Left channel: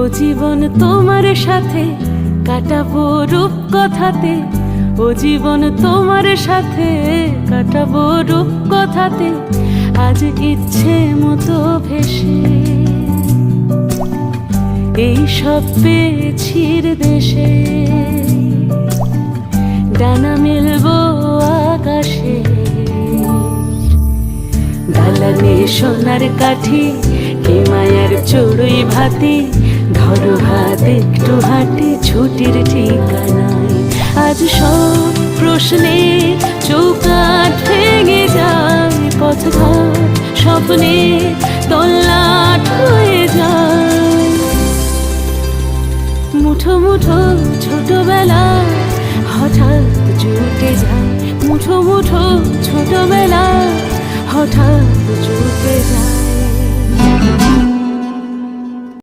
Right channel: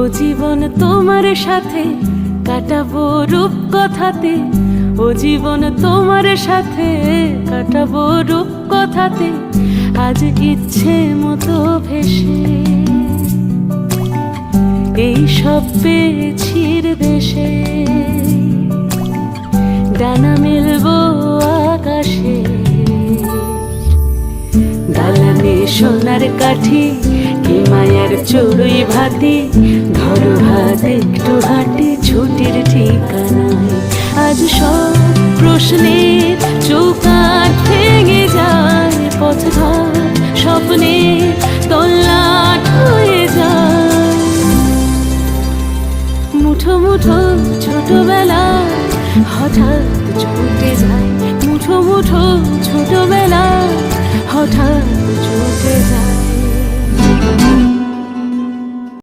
ও জীবন তোমার সাথে কাটাবো রূপ কথাতে, ও জীবন তোমার সাথে কাটাবো রূপ কথাতে, আজ ইচ্ছে মতো ভেসে এই সব পেয়েছির দেশে। ডানা মেলবো আকাশে, দালানে সোনার কাঠি কি মায়ার চড়ুই ভাতি, ধরো হাত একটু হাঁটি ছুটির ঠিকানায়। আজ সব প্রশ্নের চৌকাঠ ভেঙে যায়, পথঘাট স্বপ্নের তল্লাট হয়ে যায়। মুঠো মুঠো ছোটবেলা হঠাৎ জুটে যায়, মুঠো মুঠো ছোটবেলা হঠাৎ জুটে যায়।